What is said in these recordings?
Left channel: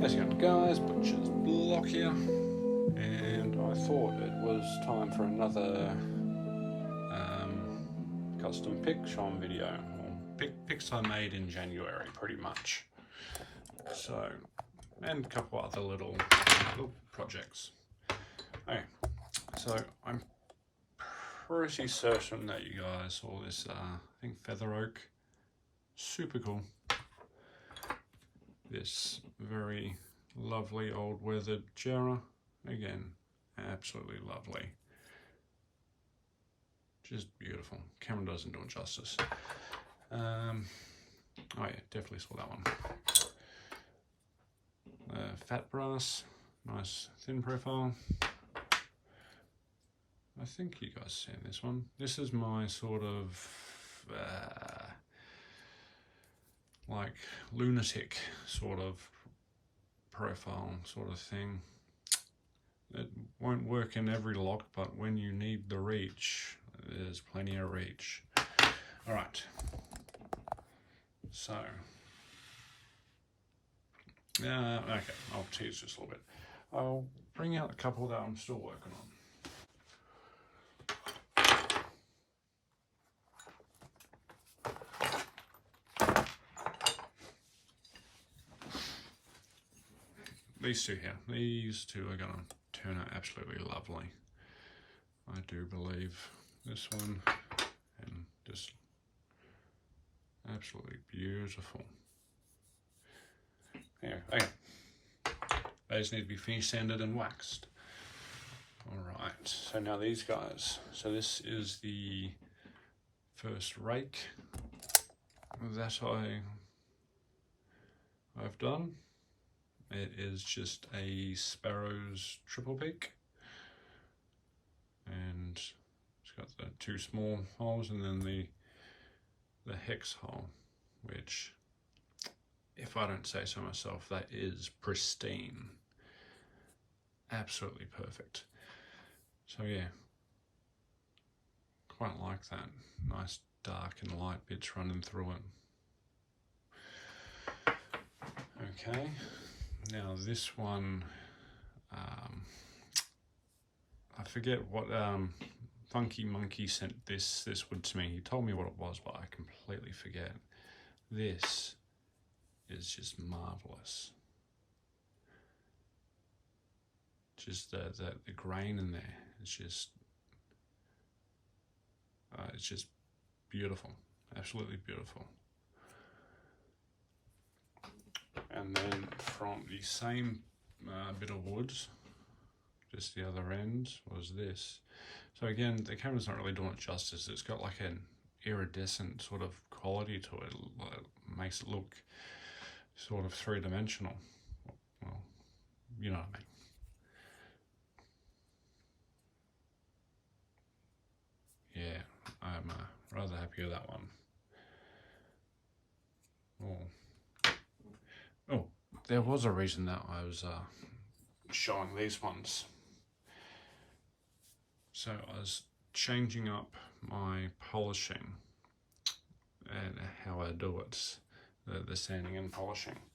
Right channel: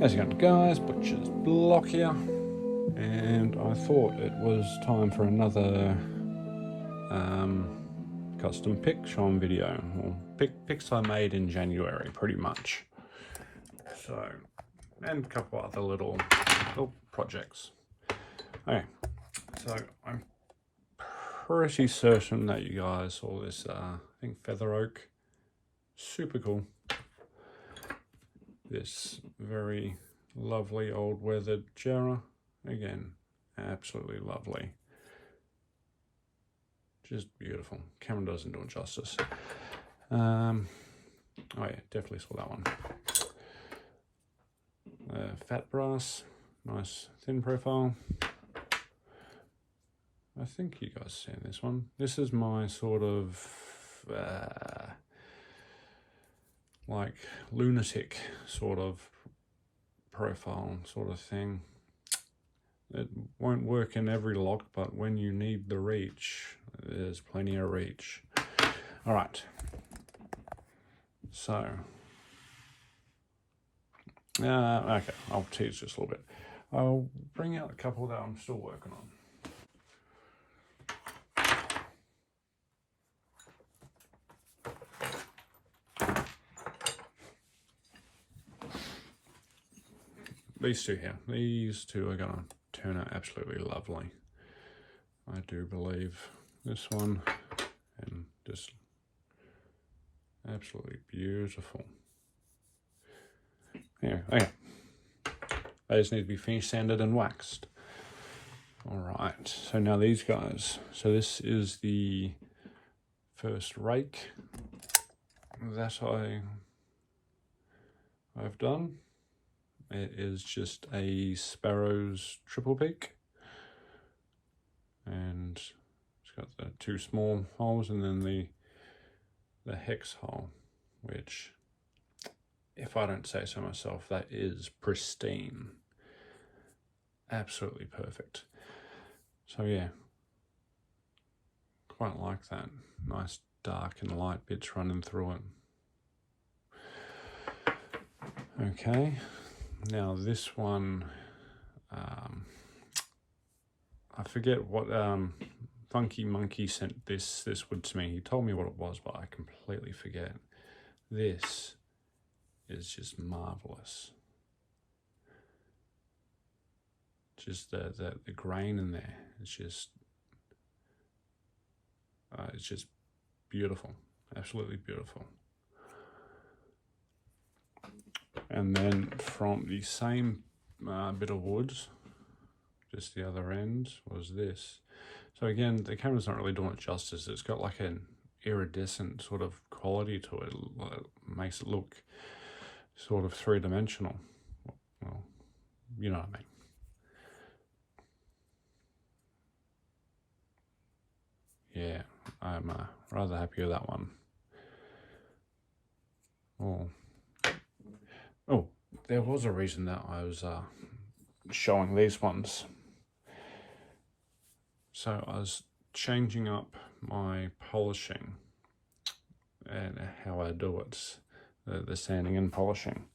How's it going, guys? Butcher's Block here, and I thought it was time for another custom pick showing video, or picks I made in January, pretty much. So, and a couple other little projects. Okay, so I'm pretty certain that you guys saw this. I think feather oak, super cool. This very lovely old weathered jarrah, again, absolutely lovely, just beautiful. Camera doesn't do it justice. Oh yeah, definitely saw that one. Fat brass, nice thin profile. I think you guys seen this one. This is my sort of like lunatic sort of profile sort of thing. It won't work in every lock, but when you need the reach, there's plenty of reach. All right, so okay, I'll tease this a little bit. I'll bring out a couple that I'm still working on. These two here, these two are gonna turn out absolutely lovely. I do believe this one, and just absolutely beautiful. Yeah, okay. They just need to be finished, sanded and waxed. All right, so now these guys. So this is the first rake that I've done. It is just a Sparrow's triple peak, and it's got the two small holes and then the hex hole, which, if I don't say so myself, that is pristine, absolutely perfect. So yeah, quite like that. Nice dark and light bits running through it. Okay, now this one, I forget what Funky Monkey sent this wood to me. He told me what it was, but I completely forget. This is just marvelous. Just the grain in there. It's just beautiful, absolutely beautiful. And then from the same bit of wood, just the other end, was this. So again, the camera's not really doing it justice. It's got like an iridescent sort of quality to it. It makes it look sort of three-dimensional. Well, you know what I mean. Yeah, I'm rather happy with that one. Oh, there was a reason that I was showing these ones. So I was changing up my polishing and how I do it, the sanding and polishing,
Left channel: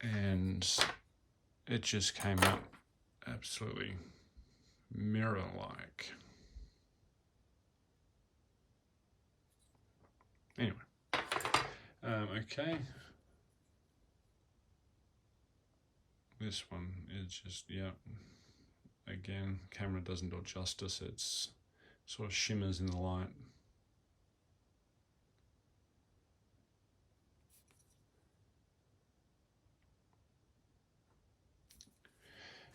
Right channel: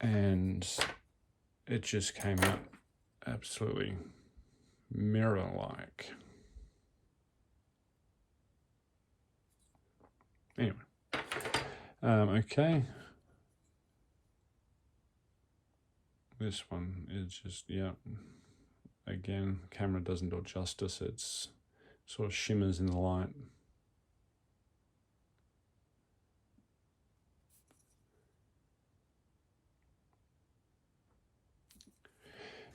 and it just came out absolutely mirror-like. Anyway, okay. This one is just, yeah, again, camera doesn't do it justice. It's sort of shimmers in the light.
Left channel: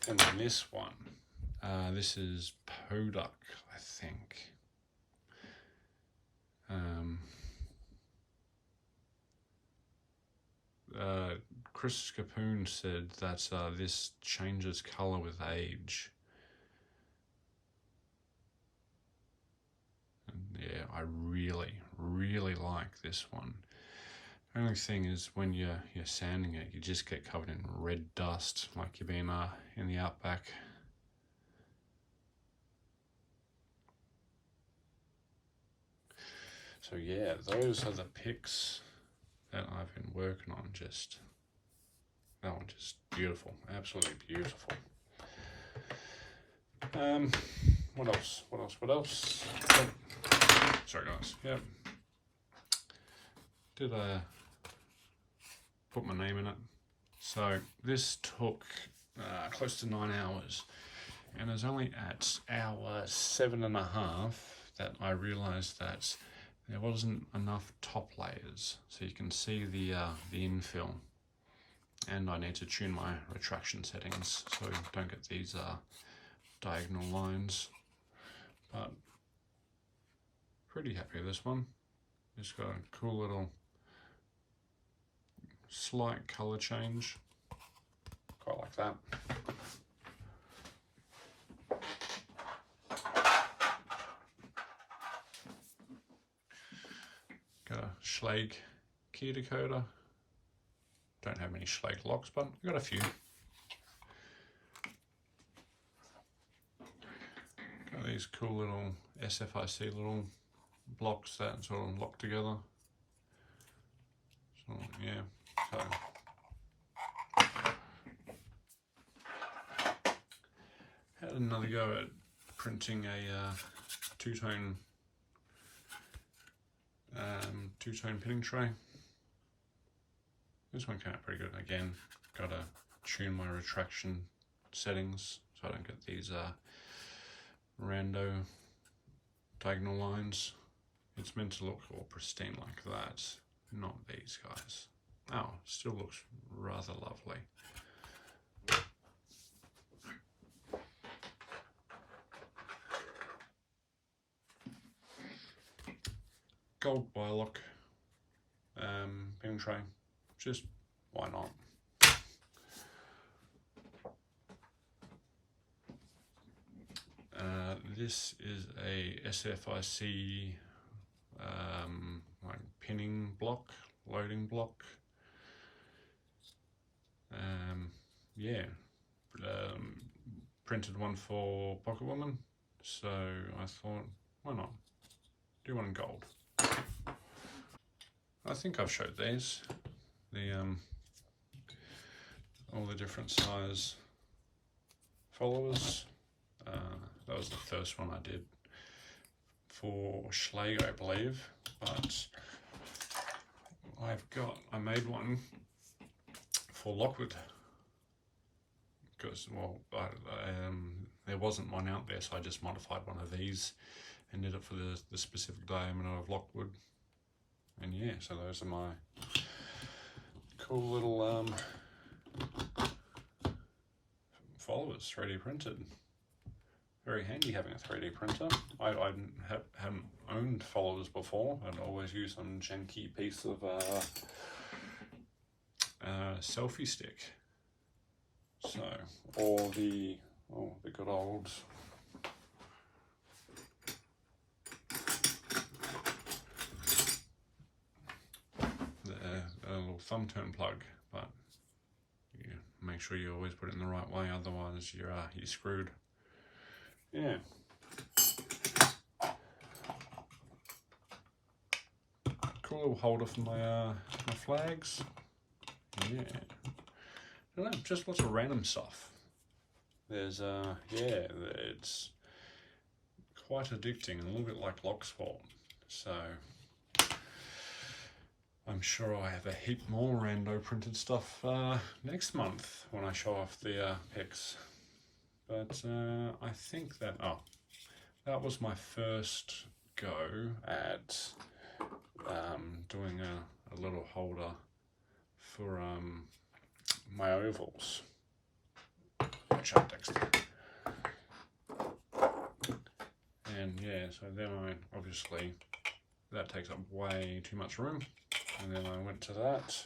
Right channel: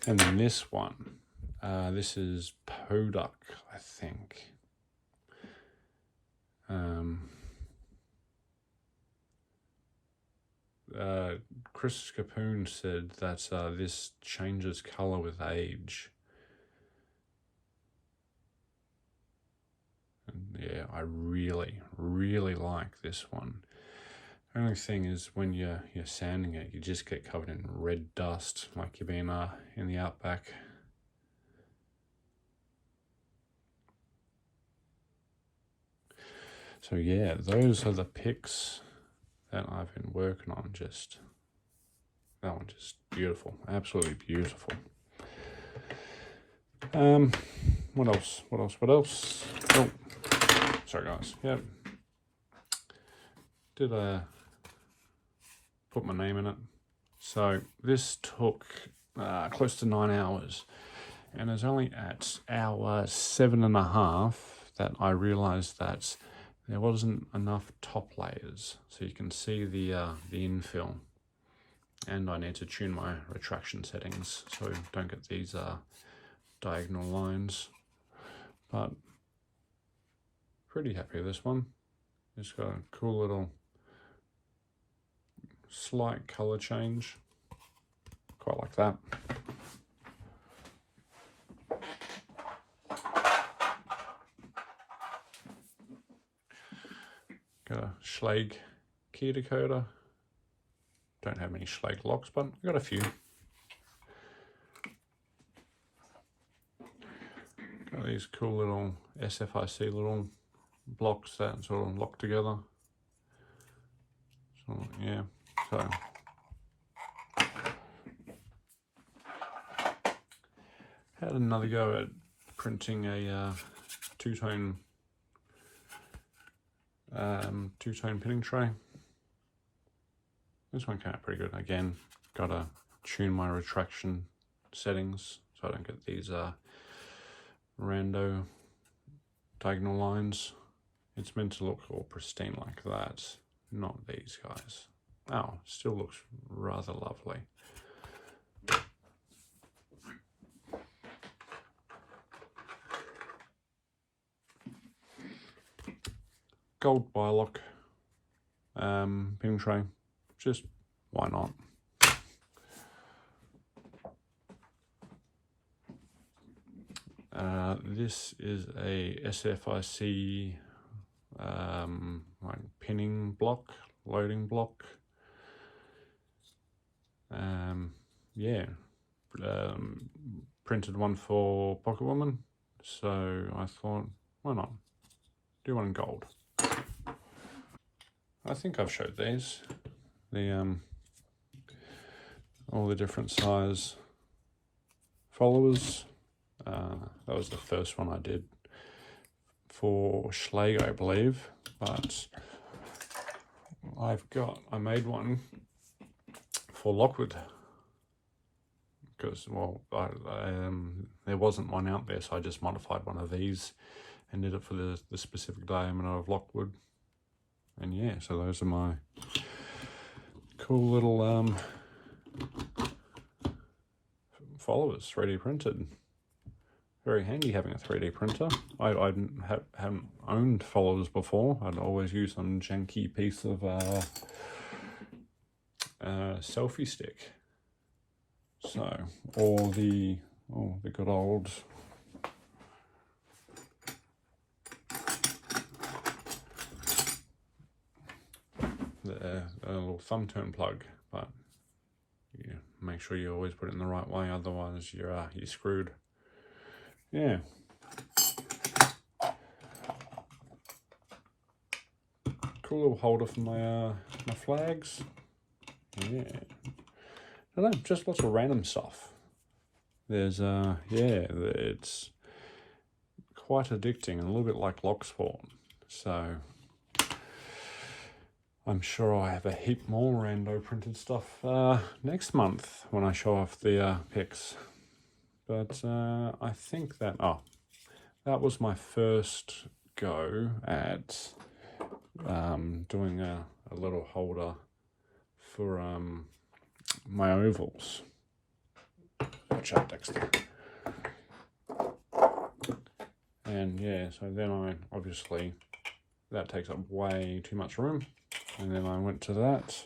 And then this one, this is Poduk, I think. Chris Capoon said that this changes color with age. And yeah, I really, really like this one. The only thing is when you're sanding it, you just get covered in red dust like you've been in the outback. So yeah, those are the picks that I've been working on. Just that one just beautiful, absolutely beautiful. What else? Oh, sorry guys. Yep. Did put my name in it. So this took close to 9 hours, and it was only at hour 7.5 that I realized that there wasn't enough top layers, so you can see the infill, and I need to tune my retraction settings so I don't get these diagonal lines. But pretty happy with this one. It's got a cool little slight color change, quite like that. Got a Schlage key decoder. Don't have many Schlage locks, but I've got a few. Got these cool little SFIC little blocks that sort of lock together. So yeah, so had another go at printing a two-tone pinning tray. This one came out pretty good. Again, gotta tune my retraction settings so I don't get these rando diagonal lines. It's meant to look all pristine like that, not these guys. Oh, still looks rather lovely. Gold Bilock pinning tray, just why not? This is a SFIC like pinning block, loading block. Yeah, printed one for Pocket Woman, so I thought, why not do one in gold. I think I've showed these, the all the different size followers. That was the first one I did for Schlage, I believe, but I made one for Lockwood because, well, there wasn't one out there, so I just modified one of these and did it for the specific diameter of Lockwood. And yeah, so those are my cool little followers, 3D printed. Very handy having a 3D printer. I hadn't owned followers before. I'd always used some janky piece of selfie stick. So, or the good old the little thumb turn plug, but you make sure you always put it in the right way, otherwise you're screwed. Yeah. Cool little holder for my my flags. Yeah. I don't know, just lots of random stuff. There's yeah, it's quite addicting and a little bit like Locksport. So I'm sure I have a heap more rando printed stuff next month when I show off the pics. But I think that, that was my first go at doing a little holder for my ovals, which are next. And yeah, so then obviously that takes up way too much room, and then I went to that,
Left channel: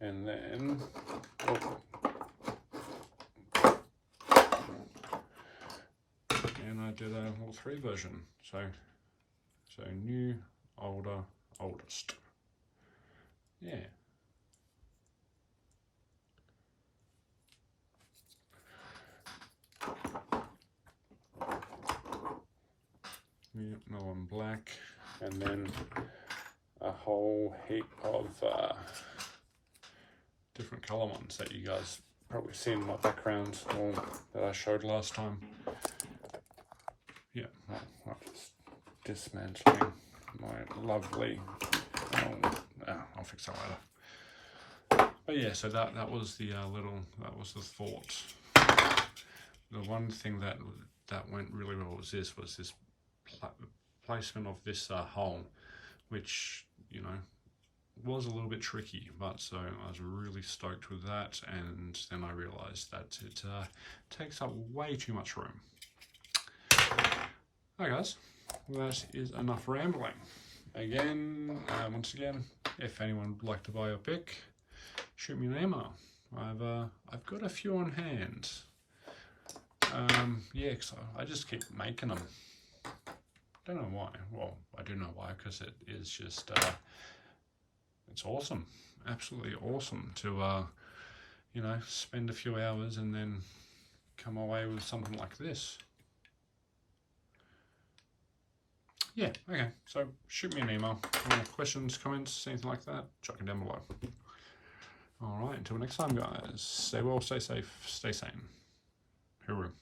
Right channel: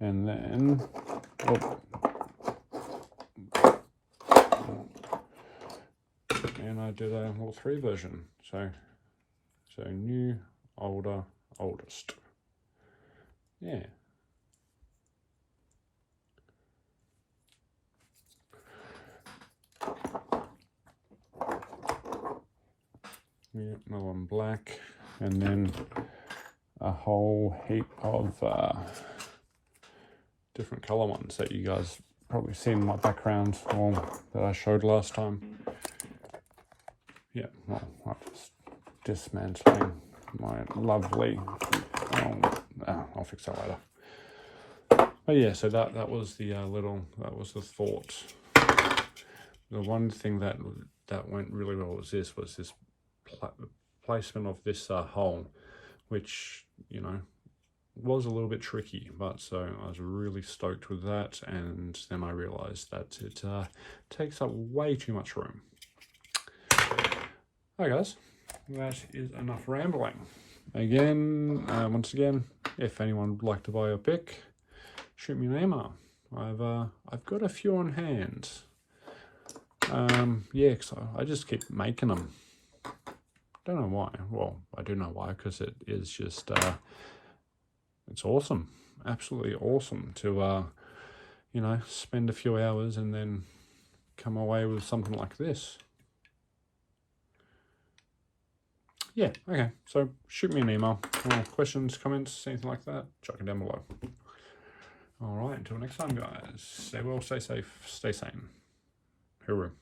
and then and I did a little 3 version. So new, older, oldest. Yeah. Yeah, another one black, and then a whole heap of different color ones that you guys probably see in my background or that I showed last time. Yeah, well, I was dismantling my lovely, I'll fix that later. But yeah, so that was the that was the thought. The one thing that went really well was this placement of this hole, which, you know, was a little bit tricky, but so I was really stoked with that, and then I realized that it takes up way too much room. Hi guys, that is enough rambling. Again, once again, if anyone would like to buy a pick, shoot me an email. I've got a few on hand. Yeah, cause I just keep making them. Don't know why. Well, I do know why, because it is just it's awesome, absolutely awesome to you know, spend a few hours and then come away with something like this. Yeah, okay, so shoot me an email. Questions, comments, anything like that, chuck it down below. All right, until next time, guys, stay well, stay safe, stay sane. Hooroo.